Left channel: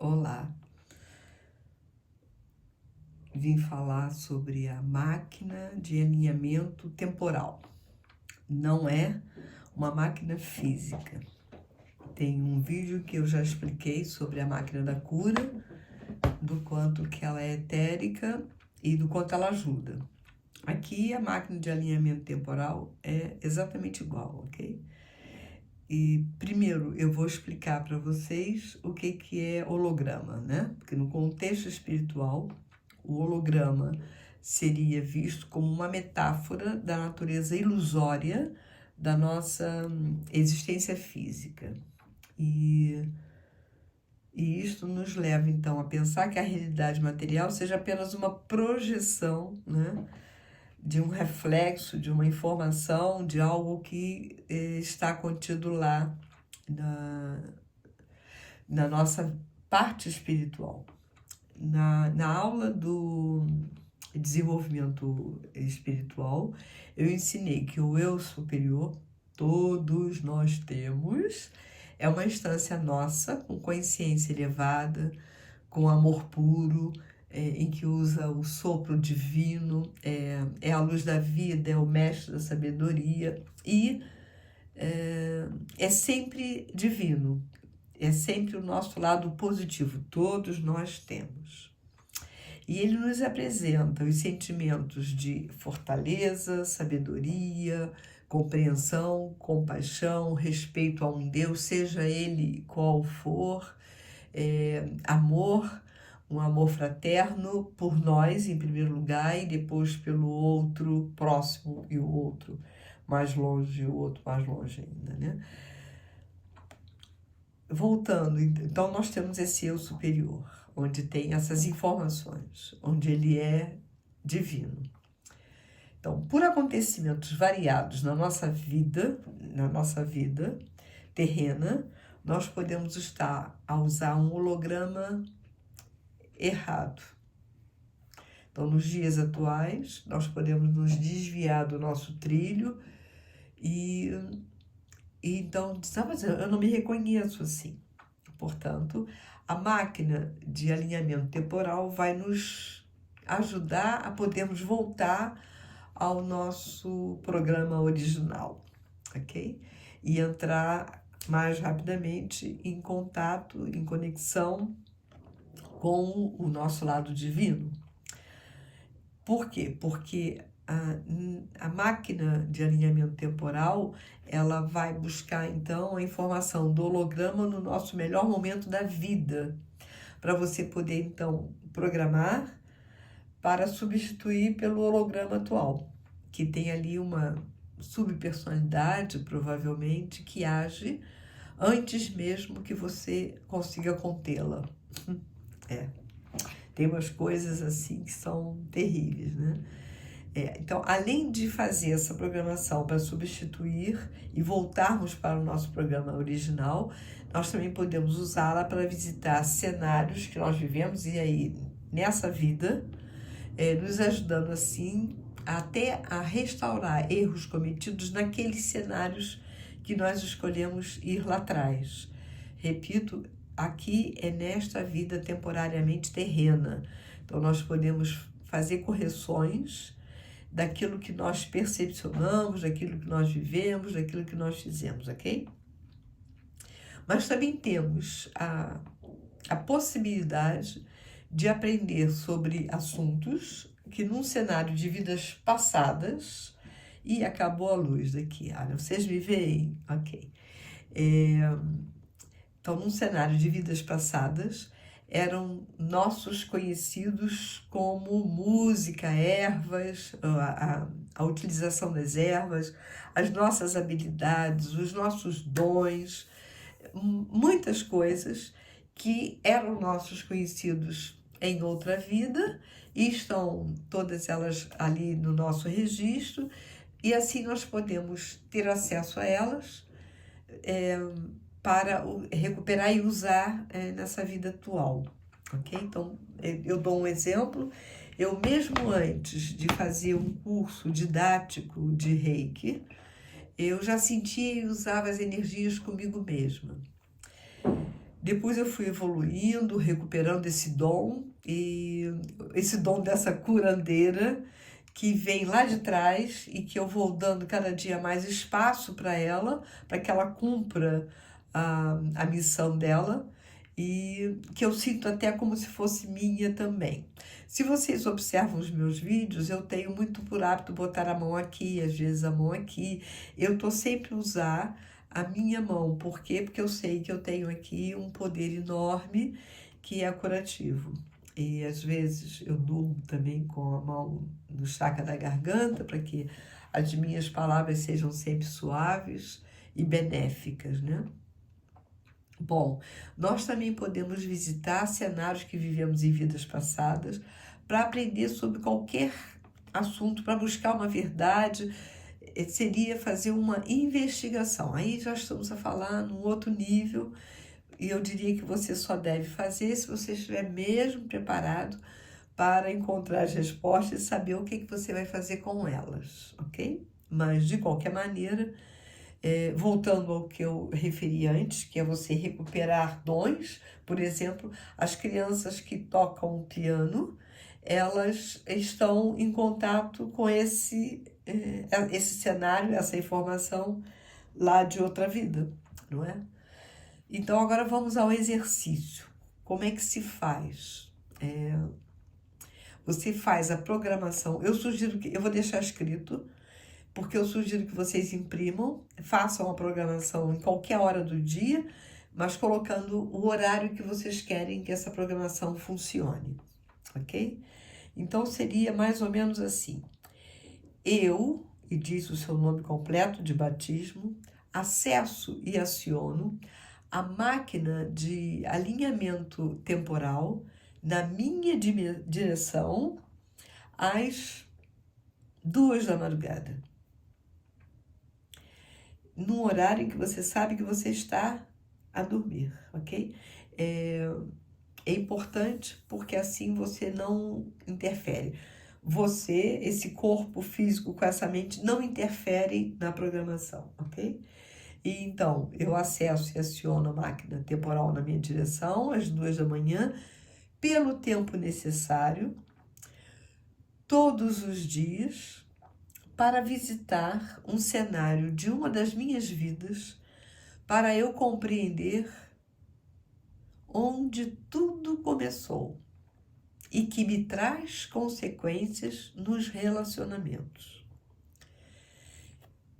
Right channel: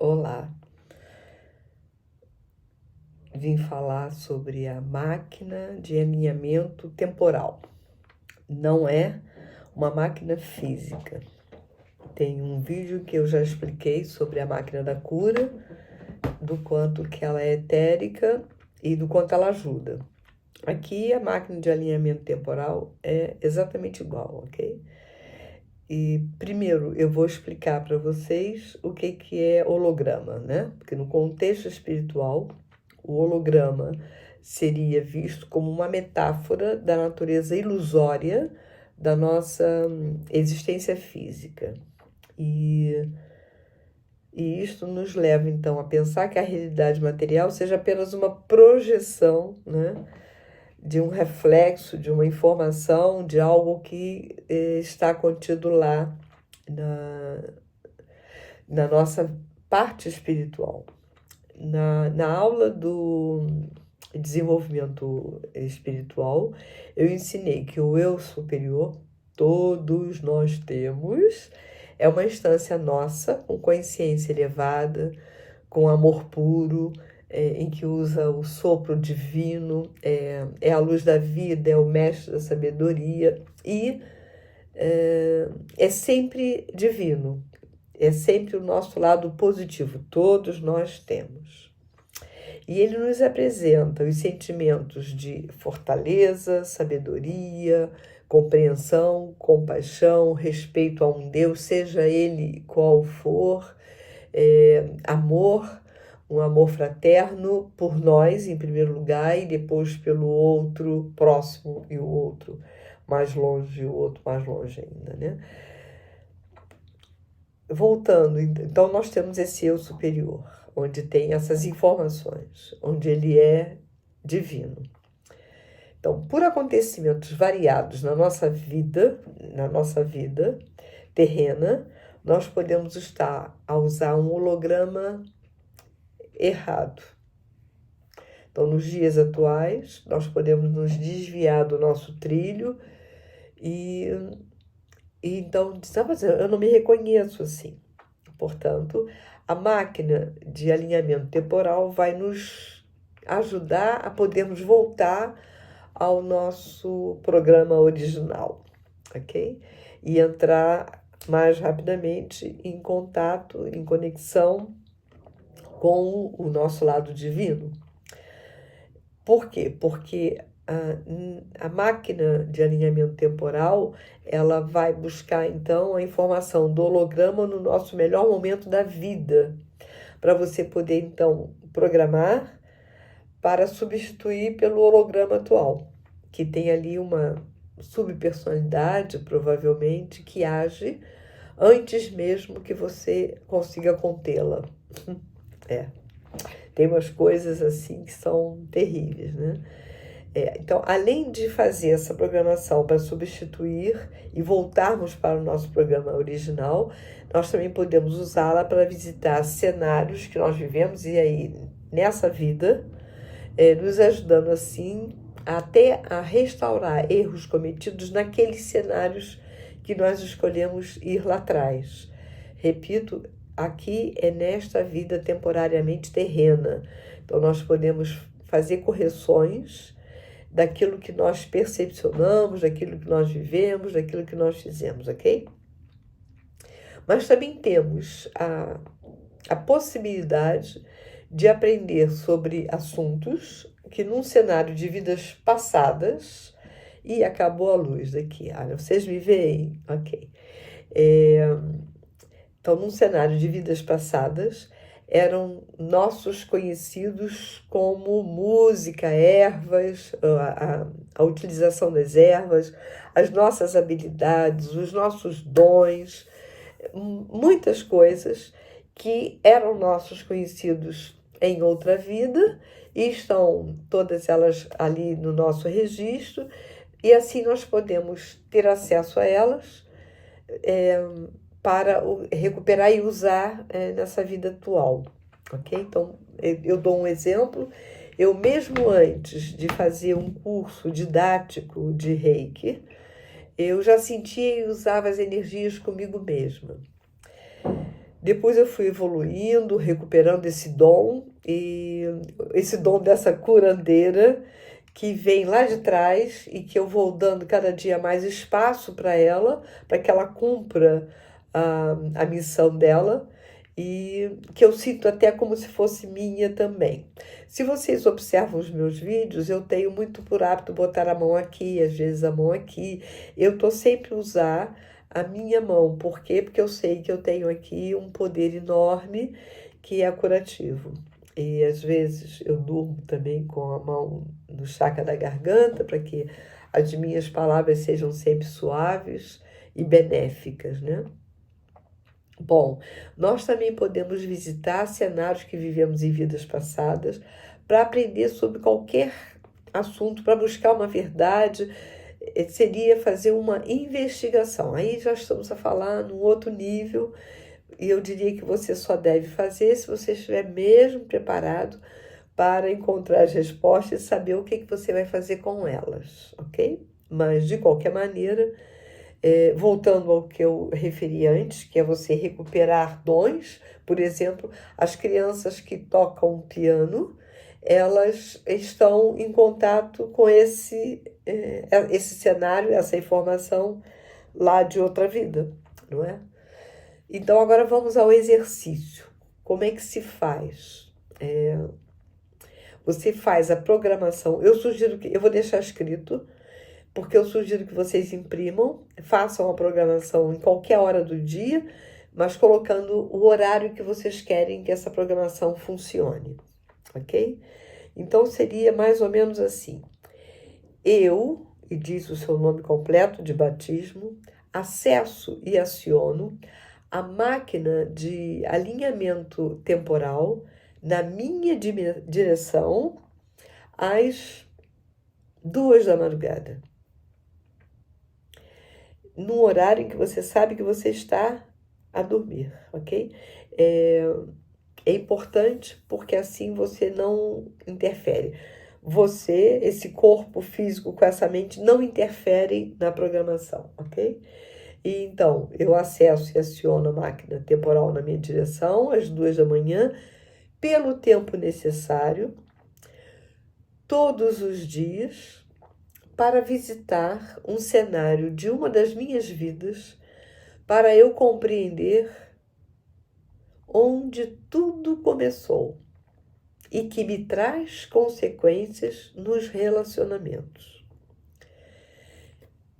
Olá, vim falar sobre a máquina de alinhamento temporal. Não é uma máquina física. Tem um vídeo que eu já expliquei sobre a máquina da cura, do quanto que ela é etérica e do quanto ela ajuda. Aqui a máquina de alinhamento temporal é exatamente igual, ok? E primeiro eu vou explicar para vocês o que é holograma, né? Porque no contexto espiritual, o holograma seria visto como uma metáfora da natureza ilusória da nossa existência física. E isto nos leva, então, a pensar que a realidade material seja apenas uma projeção, né, de um reflexo, de uma informação, de algo que está contido lá na nossa parte espiritual. Na aula do desenvolvimento espiritual, eu ensinei que o eu superior, todos nós temos, é uma instância nossa, com consciência elevada, com amor puro, em que usa o sopro divino, é a luz da vida, é o mestre da sabedoria e é sempre divino, é sempre o nosso lado positivo, todos nós temos. E ele nos apresenta os sentimentos de fortaleza, sabedoria, compreensão, compaixão, respeito a um Deus, seja ele qual for, amor, um amor fraterno por nós, em primeiro lugar, e depois pelo outro próximo e o outro mais longe, e o outro mais longe ainda, né? Voltando, então nós temos esse eu superior, onde tem essas informações, onde ele é divino. Então, por acontecimentos variados na nossa vida terrena, nós podemos estar a usar um holograma errado. Então, nos dias atuais, nós podemos nos desviar do nosso trilho e então, eu não me reconheço assim. Portanto, a máquina de alinhamento temporal vai nos ajudar a podermos voltar ao nosso programa original, ok? E entrar mais rapidamente em contato, em conexão com o nosso lado divino. Por quê? Porque a máquina de alinhamento temporal, ela vai buscar, então, a informação do holograma no nosso melhor momento da vida, para você poder, então, programar para substituir pelo holograma atual, que tem ali uma subpersonalidade, provavelmente, que age antes mesmo que você consiga contê-la. Tem umas coisas assim que são terríveis, né? Então, além de fazer essa programação para substituir e voltarmos para o nosso programa original, nós também podemos usá-la para visitar cenários que nós vivemos e aí nessa vida, nos ajudando assim até a restaurar erros cometidos naqueles cenários que nós escolhemos ir lá atrás. Repito, aqui é nesta vida temporariamente terrena. Então, nós podemos fazer correções daquilo que nós percepcionamos, daquilo que nós vivemos, daquilo que nós fizemos, ok? Mas também temos a possibilidade de aprender sobre assuntos que num cenário de vidas passadas, e acabou a luz daqui, vocês me veem? Ok. Então, num cenário de vidas passadas, eram nossos conhecidos como música, ervas, a utilização das ervas, as nossas habilidades, os nossos dons, muitas coisas que eram nossos conhecidos em outra vida e estão todas elas ali no nosso registro e assim nós podemos ter acesso a elas para recuperar e usar nessa vida atual, ok? Então, eu dou um exemplo. Eu mesmo antes de fazer um curso didático de Reiki, eu já sentia e usava as energias comigo mesma. Depois eu fui evoluindo, recuperando esse dom, e esse dom dessa curandeira que vem lá de trás e que eu vou dando cada dia mais espaço para que ela cumpra a missão dela, e que eu sinto até como se fosse minha também. Se vocês observam os meus vídeos, eu tenho muito por hábito botar a mão aqui, às vezes a mão aqui. Eu estou sempre a usar a minha mão. Por quê? Porque eu sei que eu tenho aqui um poder enorme que é curativo. E às vezes eu durmo também com a mão no chakra da garganta, para que as minhas palavras sejam sempre suaves e benéficas, né? Bom, nós também podemos visitar cenários que vivemos em vidas passadas para aprender sobre qualquer assunto, para buscar uma verdade. Seria fazer uma investigação. Aí já estamos a falar num outro nível, e eu diria que você só deve fazer se você estiver mesmo preparado para encontrar as respostas e saber o que você vai fazer com elas, ok? Mas, de qualquer maneira, voltando ao que eu referi antes, que é você recuperar dons. Por exemplo, as crianças que tocam piano, elas estão em contato com esse cenário, essa informação lá de outra vida, não é? Então, agora vamos ao exercício. Como é que se faz? Você faz a programação. Eu vou deixar escrito, porque eu sugiro que vocês imprimam, façam a programação em qualquer hora do dia, mas colocando o horário que vocês querem que essa programação funcione, ok? Então, seria mais ou menos assim. Eu, e diz o seu nome completo de batismo, acesso e aciono a máquina de alinhamento temporal na minha direção às 2 da madrugada. Num horário em que você sabe que você está a dormir, ok? É importante porque assim você não interfere. Você, esse corpo físico com essa mente, não interferem na programação, ok? E então, eu acesso e aciono a máquina temporal na minha direção às 2 da manhã, pelo tempo necessário, todos os dias, para visitar um cenário de uma das minhas vidas, para eu compreender onde tudo começou e que me traz consequências nos relacionamentos.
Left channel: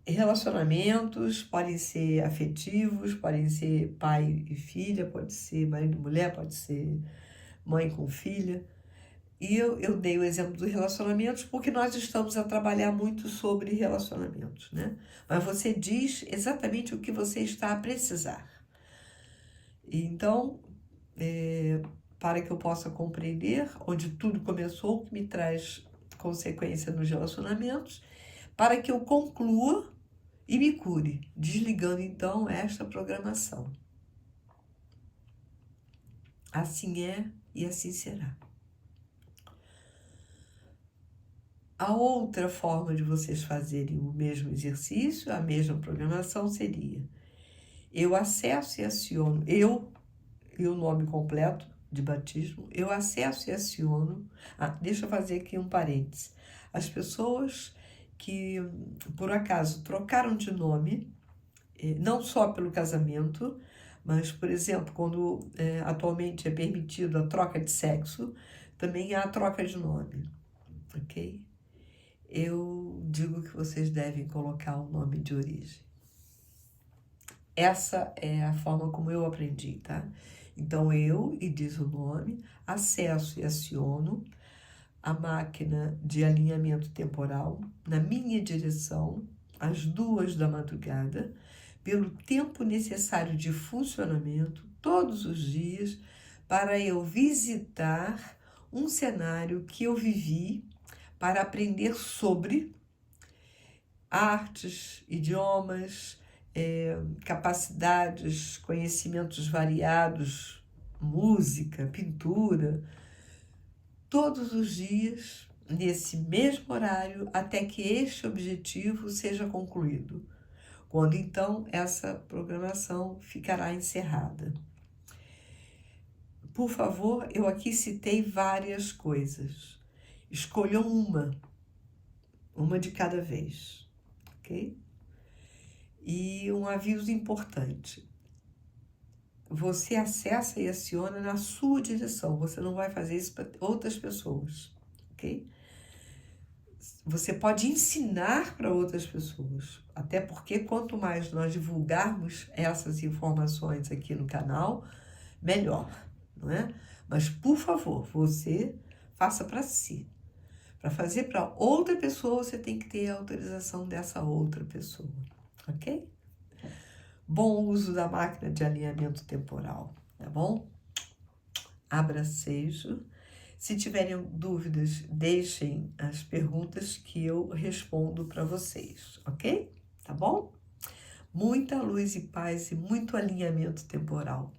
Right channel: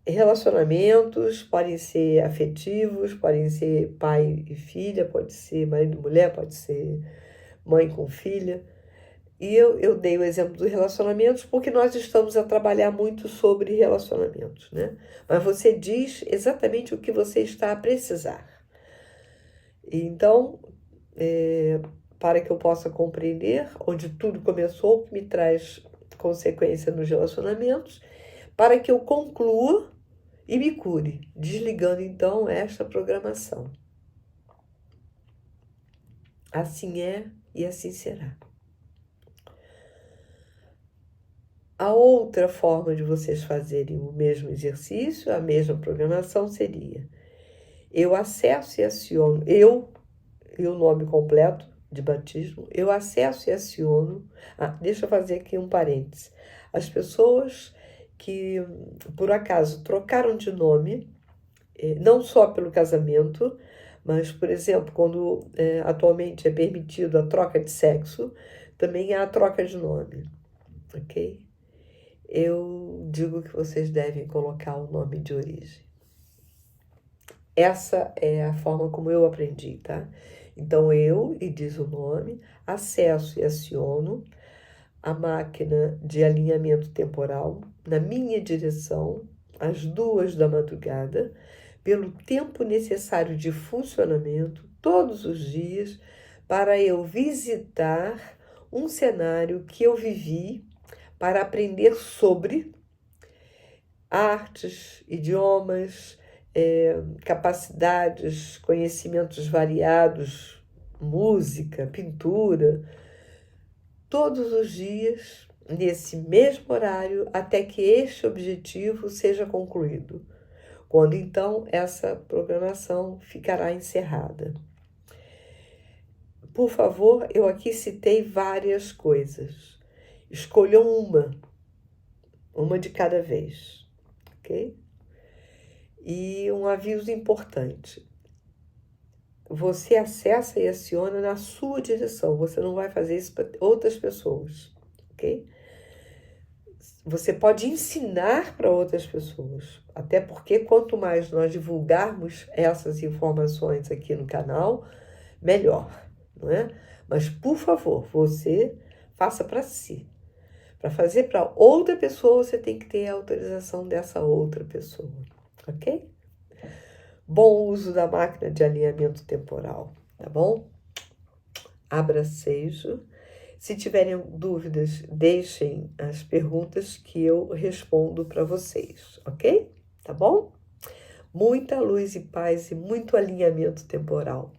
Relacionamentos podem ser afetivos, podem ser pai e filha, pode ser marido e mulher, pode ser mãe com filha. E eu dei o exemplo dos relacionamentos porque nós estamos a trabalhar muito sobre relacionamentos, né? Mas você diz exatamente o que você está a precisar. Então, para que eu possa compreender onde tudo começou, que me traz consequência nos relacionamentos, para que eu conclua e me cure, desligando então esta programação. Assim é e assim será. A outra forma de vocês fazerem o mesmo exercício, a mesma programação, seria: eu acesso e aciono, e o nome completo de batismo, eu acesso e aciono. Deixa eu fazer aqui um parênteses. As pessoas que, por acaso, trocaram de nome, não só pelo casamento, mas, por exemplo, quando atualmente é permitido a troca de sexo, também há a troca de nome, ok? Eu digo que vocês devem colocar o nome de origem. Essa é a forma como eu aprendi, tá? Então, e diz o nome, acesso e aciono a máquina de alinhamento temporal na minha direção, às 2 da madrugada, pelo tempo necessário de funcionamento, todos os dias, para eu visitar um cenário que eu vivi, para aprender sobre artes, idiomas, capacidades, conhecimentos variados, música, pintura, todos os dias, nesse mesmo horário, até que este objetivo seja concluído, quando então essa programação ficará encerrada. por favor, eu aqui citei várias coisas. Escolha uma de cada vez, ok? E um aviso importante. Você acessa e aciona na sua direção. Você não vai fazer isso para outras pessoas, ok? Você pode ensinar para outras pessoas. Até porque quanto mais nós divulgarmos essas informações aqui no canal, melhor, não é? Mas, por favor, você faça para si. Para fazer para outra pessoa, você tem que ter a autorização dessa outra pessoa, ok? Bom uso da máquina de alinhamento temporal, tá bom? Abracejo. Se tiverem dúvidas, deixem as perguntas que eu respondo para vocês, ok? Tá bom? Muita luz e paz e muito alinhamento temporal.